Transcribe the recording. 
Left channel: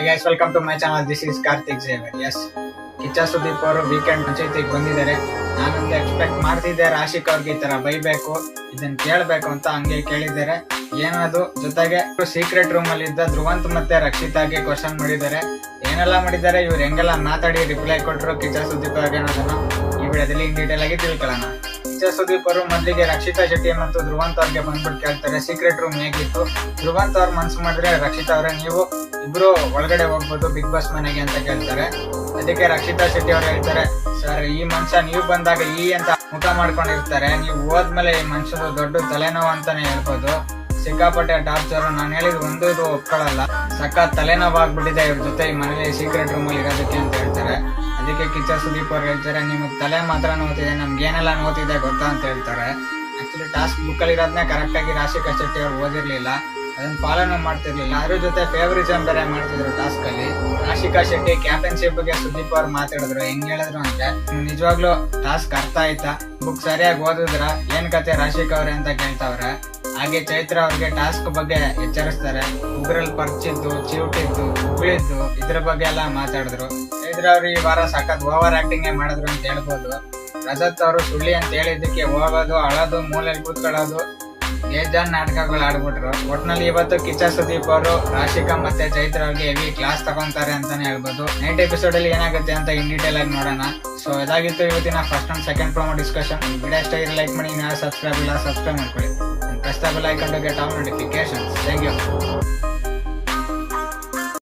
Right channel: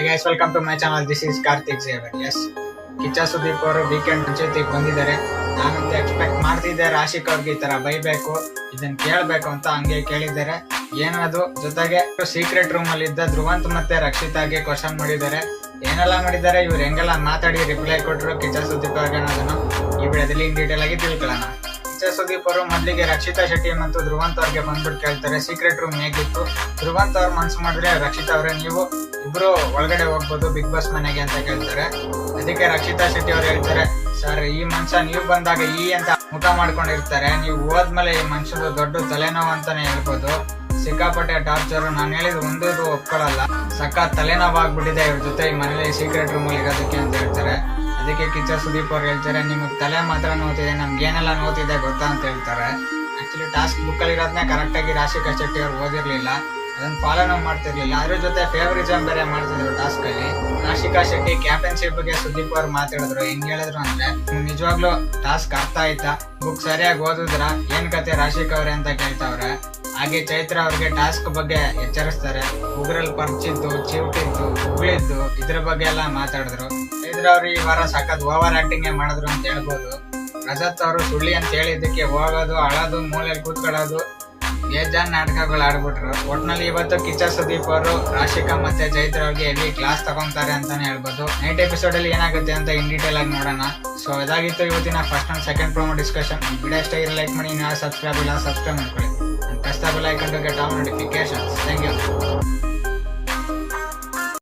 Hi guys, welcome to my channel. This is Karthik Xavier. Yes, Kichcha Sudeep ಅವರು weekend ಮುಂಚೆತಿಗೆ ಬಂದಿದ್ದಾರೆ. ನಾನಂತ expect ಮಾಡ್ತಿದ್ದೆ ರಾಶಿಕ್ ಅವ್ರಿಗೆ ಈ ತರ ಬೈಬೇಕು, ಇದನ್ನ ಕೇಳಬೇಕು ಅಂತ ಹಂಗೆ ಕೇಳಿದ್ದಾರೆ. ಏನದು ಜೊತೆಗೆ ಸೀಕ್ರೆಟ್ ರೂಮ್ ಅಲ್ಲಿ ಇದ್ದ ಧ್ರುವಂತ್ ಮತ್ತೆ ರಕ್ಷಿತಾಗೆ ಕ್ವಶನ್ ಮಾಡಿದ್ದಾರೆ. ಏನೆಲ್ಲ ಮಾಡಿದ್ದಾರೆ, ಇವ್ರು ಹೆಂಗೆಲ್ಲ ಮಾತಾಡಿ ರಿಪ್ಲೈ ಕೊಟ್ಟರು ಕಿಚ್ಚ ಸುದೀಪ್ ಅವ್ರಿಗೆ ಅನ್ನೋದನ್ನ ಈ ವಿಡಿಯೋದಲ್ಲಿ ಇನ್ ಡೀಟೇಲ್ ಆಗಿ ತಿಳ್ಕೊಳ್ಳೋಣ. ಕಿಚ್ಚ ಸುದೀಪ್ ಅವರು ಮೊದಲಿಗೆ ರಕ್ಷಿತಾ ಶೆಟ್ಟಿ ಮತ್ತು ಧ್ರುವಂತ್ ಅವ್ರಿಗೆ ಬಂದ್ಬಿಟ್ಟು ಕೇಳ್ತಾರೆ ಸೀಕ್ರೆಟ್ ರೂಮ್ ಹೇಗಿತ್ತು. ಧ್ರುವಂತ್ ಅವ್ರು ಮನ್ಸು ಮಾಡಿದ್ರೆ ರಕ್ಷಿತಾ ಅವರೇ ನೀವು ಇಬ್ರು ಒಳಗಡೆ ಹೋಗ್ಬೋದು ಬಿಗ್ ಬಾಸ್ ಮನೆಗೆ ಅಂತ ಕೇಳ್ತಾರೆ. ಅದಕ್ಕೆ ರಕ್ಷಿತಾ ಶೆಟ್ಟಿ ಅವ್ರು ಹೇಳ್ತಾರೆ, ಸರ್ ಈ ಮನುಷ್ಯ ನೀವು ಬಂದಾಗ ಈ ಅಂತ ಮುಖ ಮಾಡ್ಕೊಂಡಿರ್ತಾರೆ, ನೀವು ಹೋದ್ಮೇಲೆ ಈ ಮನುಷ್ಯರು ದೊಡ್ಡ ತಲೆನೋವು ಅಂತಾನೆ ಹೇಳ್ಬೋದು. ಸಿಕ್ಕಾಪಟ್ಟೆ ಟಾರ್ಚರ್, ನಾನು ಹೇಳಿದ್ ಒಂದು ಇದು ಒಪ್ಕೊಳ್ಳಲ್ಲ, ಸಖತ್ ತಲೆನೋವು ಆಗ್ಬಿಟ್ಟಿದೆ ಇವ್ರ ಜೊತೆ ಈ ಮನೇಲಿ ಸೀಕ್ರೆಟ್ ರೂಮ್ ಅಲ್ಲಿ ಇರೋದಕ್ಕೆ ಅಂತ ಹೇಳ್ತಾರೆ. ಅದಕ್ಕೆ ಕಿಚ್ಚ ಸುದೀಪ್ ಅವ್ರು ಹೇಳ್ತಾರೆ, ನಿಮಗೆ ತಲೆ ಮಾತ್ರ ನೋತಿದೆ, ನಮ್ಗೆ ಏನೆಲ್ಲ ನೋತಿದೆ ಗೊತ್ತಾ ಅಂತ ಹೇಳ್ತಾರೆ. ಆಕ್ಚುಲಿ ಟಾಸ್ಕ್ ಬುಕ್ ಅಲ್ಲಿ ಇರೋದನ್ನ ಕರೆಕ್ಟ್ ಆಗಿ ರಾಶಿಕಾ ಶೆಟ್ಟಿ ಅವ್ರು ಓದಿರ್ಲಿಲ್ಲ, ಅದನ್ನ ಫಾಲೋನು ಮಾಡ್ತಿರ್ಲಿಲ್ಲ. ಅದ್ರ ಜೊತೆ ಫೇವರಿಸಮ್ ಬೇರೆ ಮಾಡ್ತಿದ್ರು ಟಾಸ್ಕ್ ಅಲ್ಲಿ. ರಾಶಿಕಾ ಶೆಟ್ಟಿ ಕ್ಯಾಪ್ಟನ್ಶಿಪ್ ಬಗ್ಗೆ ಸುದೀಪ್ ಅವ್ರು ಮಾತಾಡಿದ್ರು. ಹೆಂಗ್ ಹೇಳಿದ್ರು ಅಂದ್ರೆ, ನಿಜವಾಗ್ಲೂ ಟಾಸ್ಕ್ ಅರ್ಥ ಆಯ್ತಾ, ಬುಕ್ ಸರಿಯಾಗಿ ಓದಿದ್ರ, ಏನ್ ಕತೆ ರಾಶಿಕಾ ಅವ್ರೆ ಅಂತ ಕೇಳ್ತಾವ್ರೆ. ಹಾಗೆ ಚೈತ್ರ ಅವ್ರಿಗೆ ಟಾಸ್ಕ್ ಬಗ್ಗೆ ಎಚ್ಚರಿಸ್ತಾರೆ. ಉಗ್ರಲ್ಲಿ ಪರ್ಚಿದ್ದು, ಚಿವುಟಿದ್ದು, ಉಗುಳಿದ್ದು ಇದ್ರ ಬಗ್ಗೆ ಎಲ್ಲ ಮಾತಾಡಿದ್ರು. ಚೈತ್ರ ಅವ್ರು ಈ ವಾರ ಸಖತ್ ಓವರ್ ಆಕ್ಟಿಂಗ್ ಮಾಡಿದ್ರು ಅಂತ ಹೇಳ್ಬೋದು. ರಜತ್ ಅವರು ಸುಳ್ಳಿ ಅಂತ ಹೇಳಿದ್ದಕ್ಕೆ ಹೋಗೋದು, ಅಳೋದು, ಮೂಲೆಯಲ್ಲಿ ಕೂತ್ಕೊಳ್ಳೋದು, ಬೇಜಾನ್ ನಾಟಕಗಳು ಆಡ್ಬಿಟ್ರು. ಒಟ್ನಲ್ಲಿ ಇವತ್ತು ಕಿಚ್ಚ ಸುದೀಪ್ ಅವರು ರಾಶಿಕಾ ಮತ್ತೆ ಚೈತ್ರ ಅವ್ರಿಗೆ ಹೆವಿ ಕ್ಲಾಸ್ ತಗೊಂತಾರೆ ಅಂತಾನೆ ಹೇಳ್ಬೋದು. ನೈಟ್ ಎಪಿಸೋಡ್ ಅಲ್ಲಿ ಏನಾಗುತ್ತೆ ಅಂತ ಇನ್ ಡೀಟೇಲ್ ಆಗಿ ನೋಡೋಣ. ಸೊ ಇದಾಗಿತ್ತು ಇವತ್ತಿನ first and second promo discussion. Video ಇಷ್ಟ ಇದ್ರೆ ಲೈಕ್ ಮಾಡಿ, ಇನ್ನು ಸಬ್ಸ್ಕ್ರೈಬ್ ಇಲ್ಲ ಸಬ್ಸ್ಕ್ರೈಬ್ ಮಾಡ್ಕೊಳ್ಳಿ. Press the bell icon to get all notifications. Thank you.